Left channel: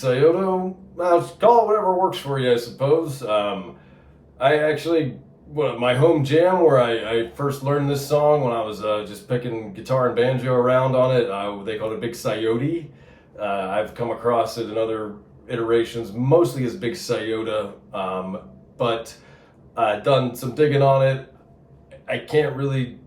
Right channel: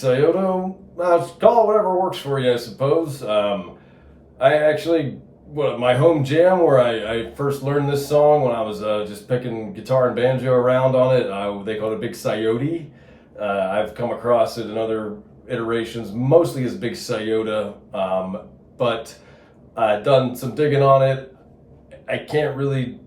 Sciota. Call it whatever works for you, I suppose. I actually, my home jam where I first learned this song when I was just picking guitar and banjo around on it, they called it Big Sciota. I've come across it in other iterations, mostly as Big Sciota, but I've done some digging on it. I can't really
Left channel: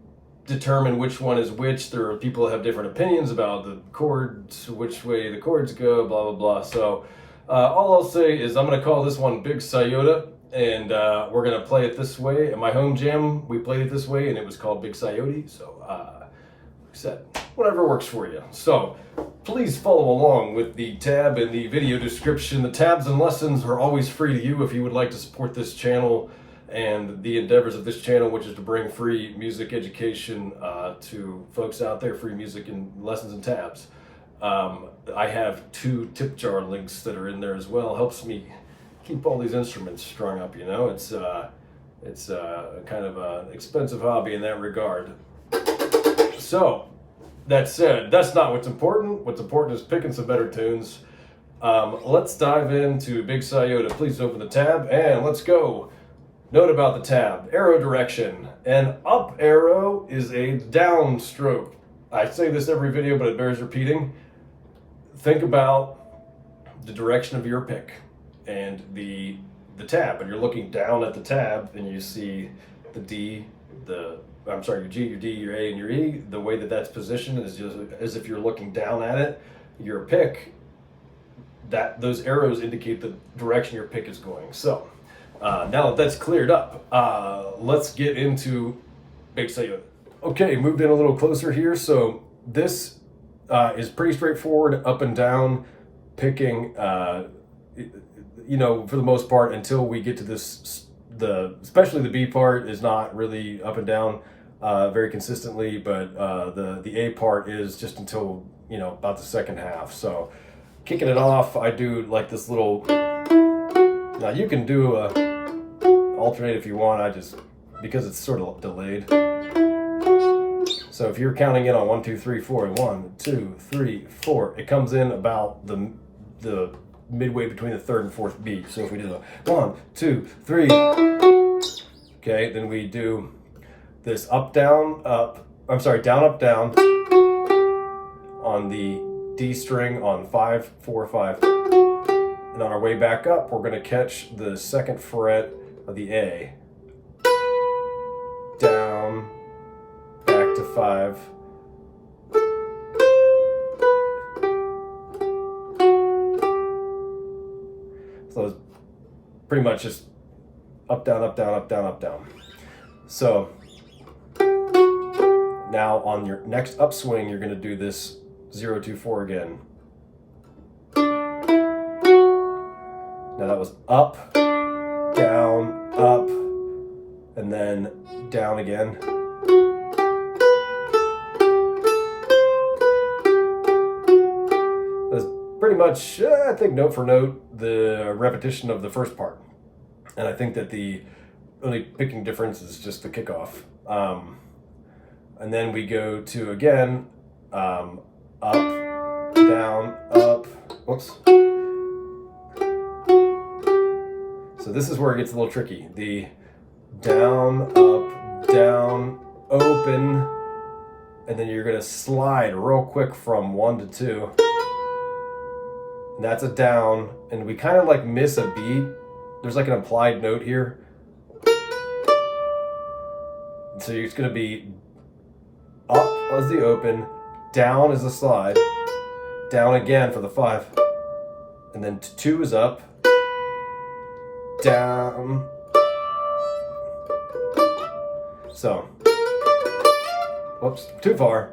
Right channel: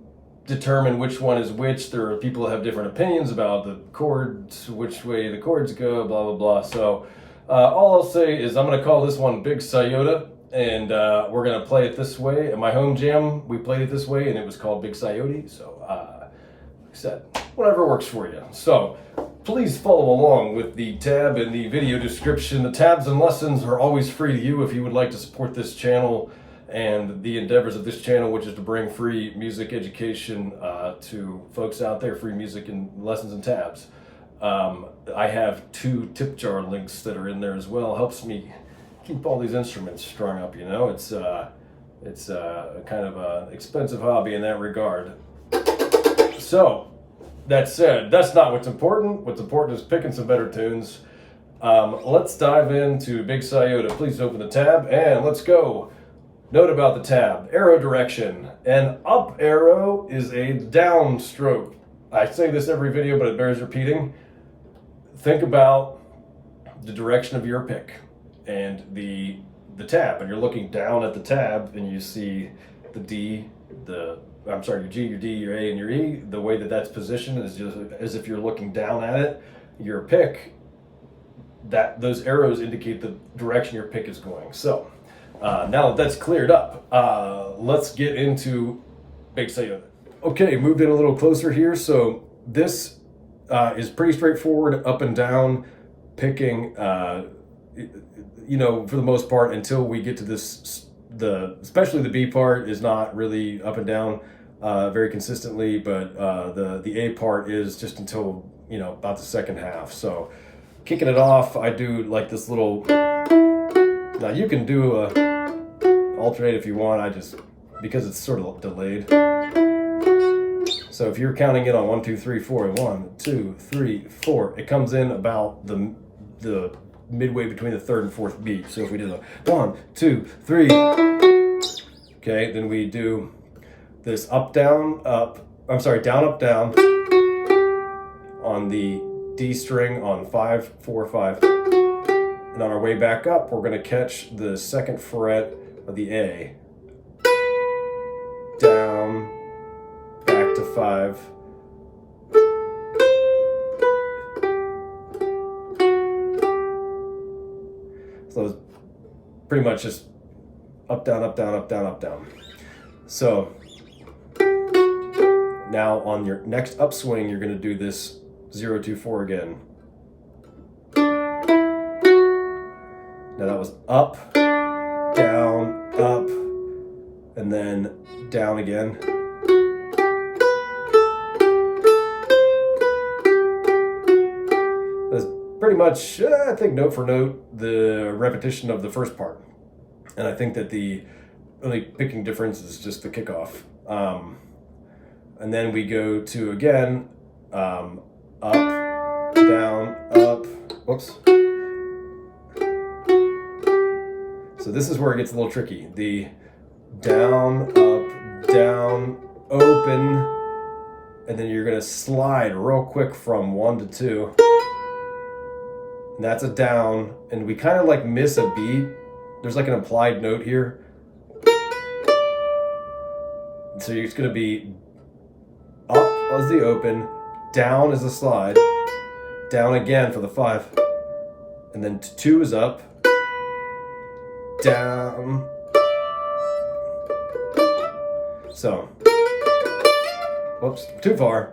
determine which one is which. There are people that have different opinions about the chords, which way the chords go, blah, blah, blah. So all I'll say is I'm going to call this one Big Sciota, and we're going to play it this way. In my home jam, we played it this way, and it was called Big Sciota. So like I said, whatever works for you. So please follow along with the tab in the video description. The tabs and lessons are always free to you if you would like to support this channel and the endeavors of this channel, which is to bring free music education to folks out there, free music and lessons and tabs. I have 2 tip jar links that are in there as well. Helps me keep all these instruments strung up, you know. It's kind of an expensive hobby in that regard. So, that said, that's not what's important. What's important is picking some better tunes. Let's dive into Big Sciota. Please open the tab and let's go. Note about the tab, arrow direction. An up arrow is a down stroke. I say this every video, but it bears repeating. Think about the direction of your pick and the tab, and you're looking down at the tab and you see the D, your G, your D, your A, and your E. The way that that's positioned is just as if you're looking down at it. Your pick, those arrows indicate the direction your pick is going. So now that that's cleared up, let's get into Big Sciota. Okay, moved in a little closer here. So this is pretty straightforward, up and down, picking, you know, for the most part, until we get to this, especially the B part is not really up and down very consistently, but the A part is just until, you know, about the second half. So kicking it off, I do like this little, now you can do a alternate if you want, because it's sort of delayed. So if you're counting it on 1, 2, 3, 4, and 1, 2, 3, 4, it comes in about the midway between the 3rd and 4th beat. So if we do the 1, 2, 3, okay, then we do this up, down, up, down, up, down on the D string on 5, 4, 5. And on our way back up, we're going to catch the 2nd fret of the A. Down, back to 5. So it's pretty much just up, down, up, down, up, down, up, down. So now on your next upswing, you're going to do this 0, 2, 4 again. Now that was up, down, up, and then down again. That's pretty much, I think, note for note, the repetition of the first part. And I think that the only picking difference is just the kickoff. And then we go to, again, up, down, up, whoops. So this is where it gets a little tricky. The down, up, down, open, and then you're gonna slide real quick from 1 to 2. And that's a down, and we kind of like miss a beat. There's like an implied note here. So it's gonna be up as the open, down is the slide, down again for the 5, and then 2 is up, down. So, whoops, too far.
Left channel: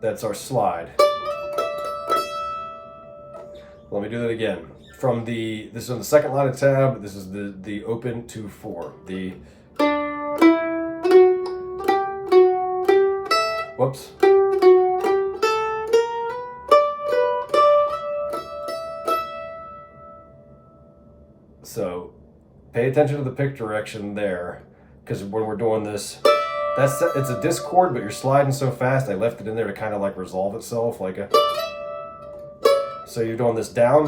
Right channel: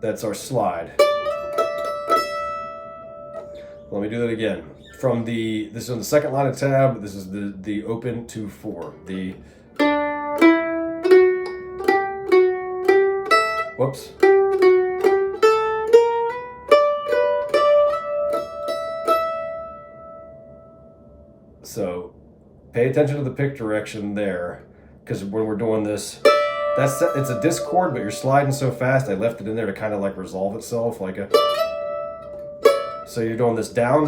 That's our slide. Let me do that again. This is on the 2nd line of tab. This is the open 2, 4. Whoops. So pay attention to the pick direction there, because when we're doing this, it's a discord, but you're sliding so fast, I left it in there to kind of like resolve itself, like a. So you're doing this down,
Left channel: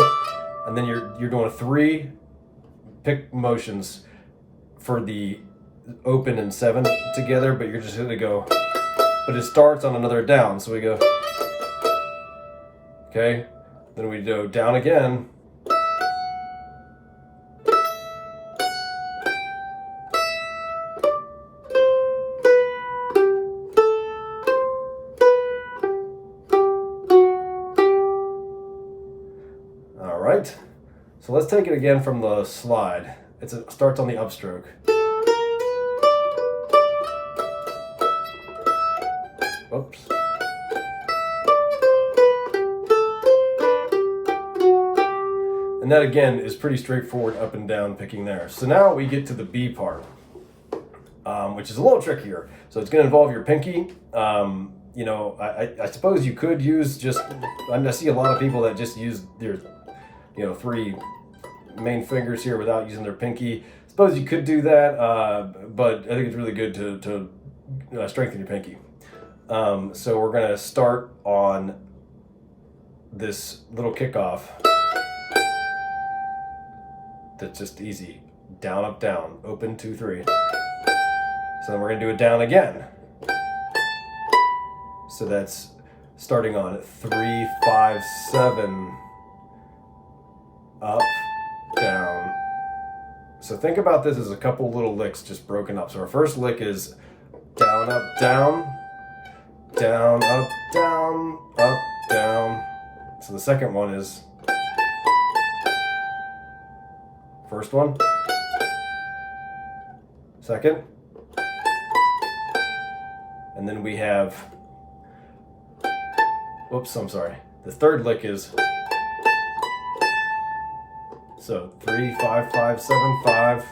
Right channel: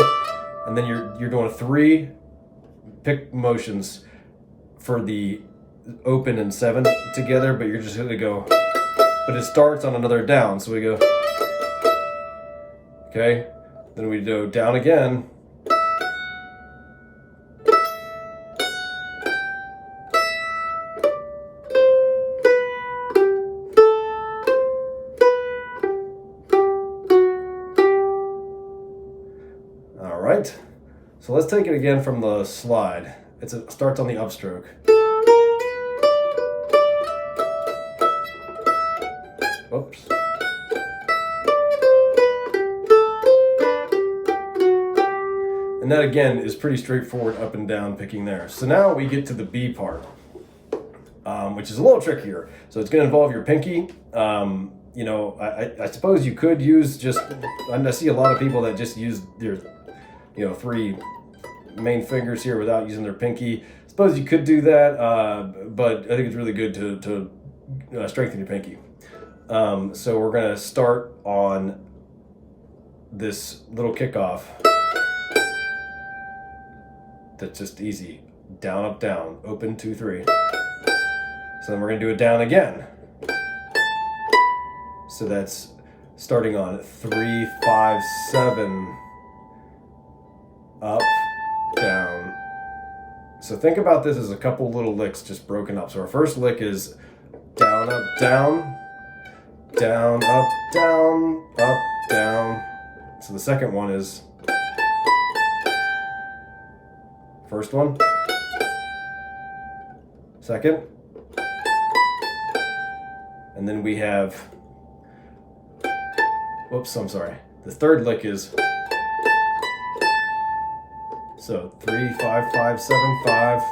and then you're doing 3 pick motions for the open and 7 together, but you're just gonna go. But it starts on another down, so we go. Okay, then we go down again. All right, so let's take it again from the slide. It starts on the upstroke. Oops. And that again is pretty straightforward up and down picking there. So now we get to the B part, which is a little trickier. So it's going to involve your pinky. You know, I suppose you could use just, I see a lot of people that just use their, 3 main fingers here without using their pinky. I suppose you could do that, but I think it's really good to strengthen your pinky. So we're going to start on this little kickoff. That's just easy. Down, up, down, open, 2, 3. So then we're going to do it down again. So that's starting on 3, 5, 7, up, down. So think about this as a couple little licks just broken up. So our first lick is down, up, down, down, up, down, up, down. So the second one is first one, second, and then we have, whoops, I'm sorry. The third lick is, so 3, 5, 5, 7, 5.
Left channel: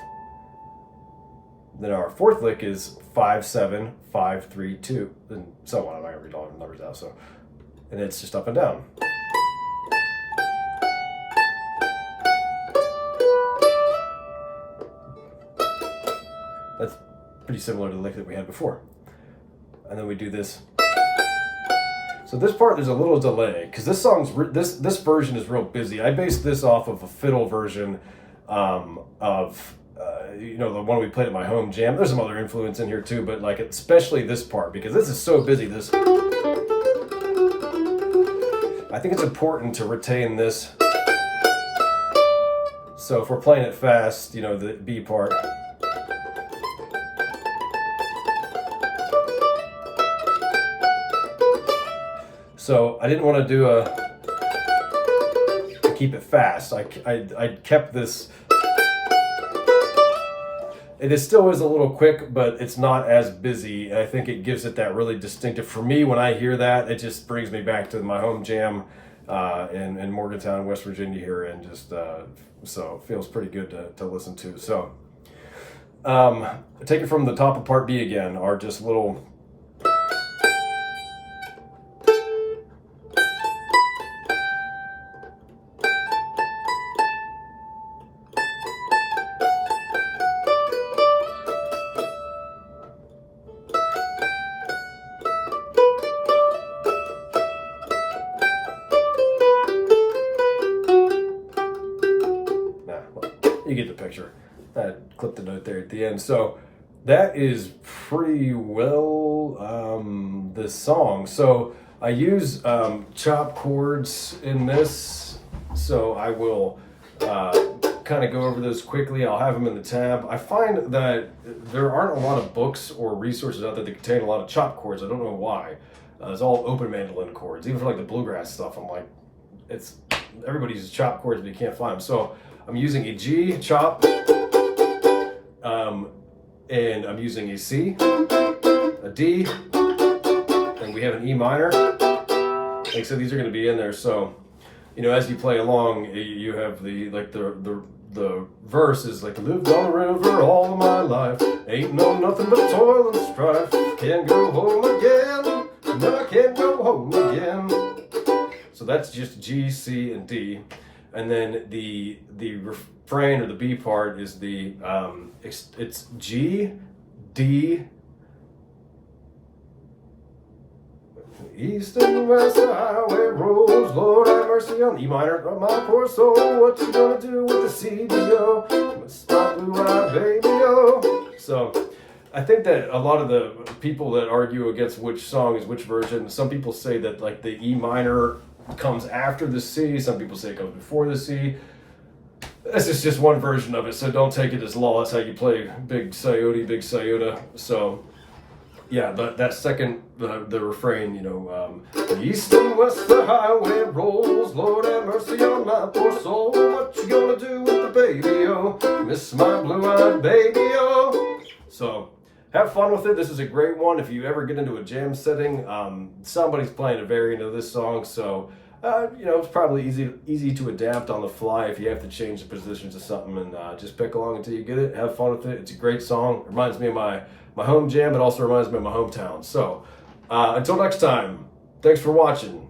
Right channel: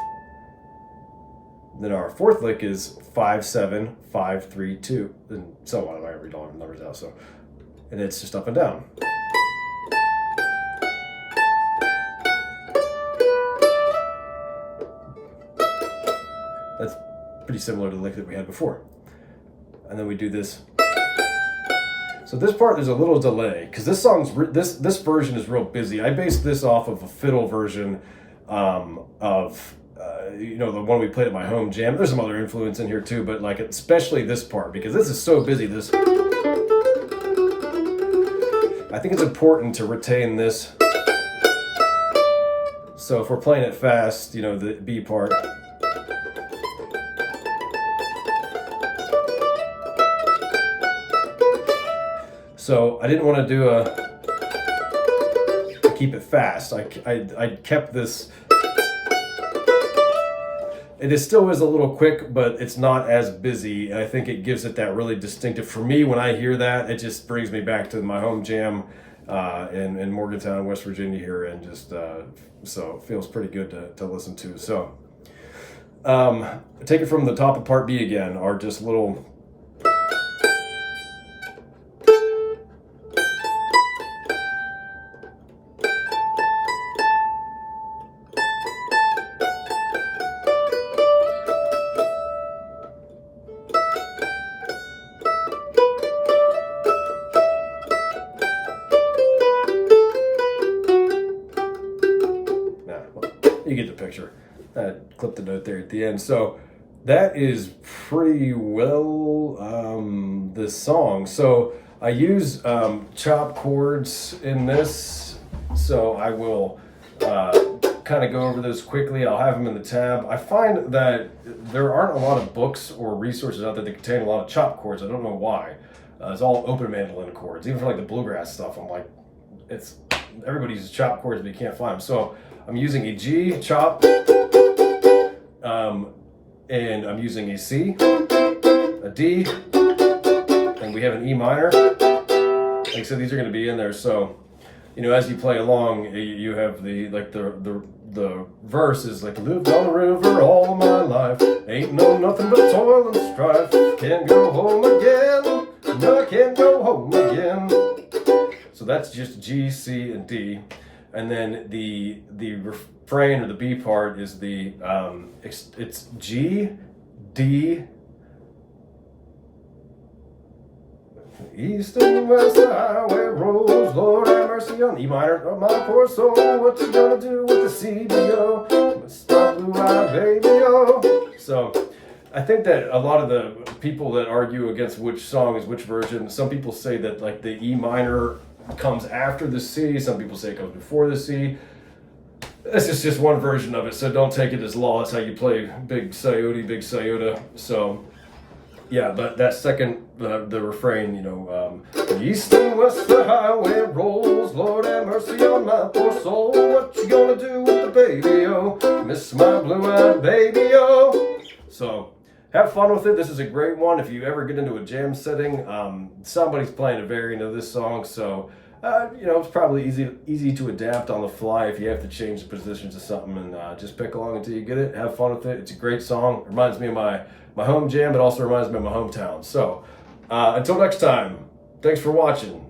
Then our fourth lick is 5, 7, 5, 3, 2, and so on. I'm not gonna read all the numbers out. So, and it's just up and down. That's pretty similar to the lick that we had before. And then we do this. So this part, there's a little delay because this song's this version is real busy. I based this off of a fiddle version of the one we played at my home jam. There's some other influence in here too, but like especially this part because this is so busy. This, I think it's important to retain this. So if we're playing it fast, the B part. So I didn't want to do to keep it fast. I kept this. It still is a little quick, but it's not as busy. And I think it gives it that really distinctive. For me, when I hear that, it just brings me back to my home jam in Morgantown, West Virginia here, and just so it feels pretty good to listen to. So take it from the top of part B again, or just little. You get the picture. I clipped the note there at the end. So that is pretty well this song. So I use chop chords in this. So I will kind of go over those quickly. I'll have them in the tab. I find that there aren't a lot of books or resources out there that contain a lot of chop chords. I don't know why. It's all open mandolin chords. Even for like the bluegrass stuff, I'm like, everybody uses chop chords, but you can't find them. So I'm using a G chop, and I'm using a C, a D, and we have an E minor. Like I said, these are going to be in there. So, as you play along, you have the verse is like, lived on the river all of my life, ain't know nothing but toil and strife, can't go home again, no, I can't go home again. So that's just G, C, and D. And then the refrain or the B part is it's G, D, East and west the highway rolls, Lord have mercy on E minor, oh, my poor soul. What you gonna do with the C, D, O? Stop blue-eyed baby, oh. So I think that a lot of the people that argue against which song is which version, some people say that like the E minor comes after the C, some people say it comes before the C. This is just one version of it, so don't take it as law. That's how you play big Sciota. So yeah, but that second, the refrain, you know, east and west the highway rolls, Lord have mercy on my poor soul. What you gonna do with the baby, oh? Miss my blue-eyed baby, oh. So have fun with it. This is a great one. If you ever get into a jam setting, somebody's playing a variant of this song, so you know, it's probably easy to adapt on the fly if you have to change the positions of something, and just pick along until you get it. Have fun with it. It's a great song. It reminds me of my home jam, but also reminds me of my hometown. So until next time, thanks for watching.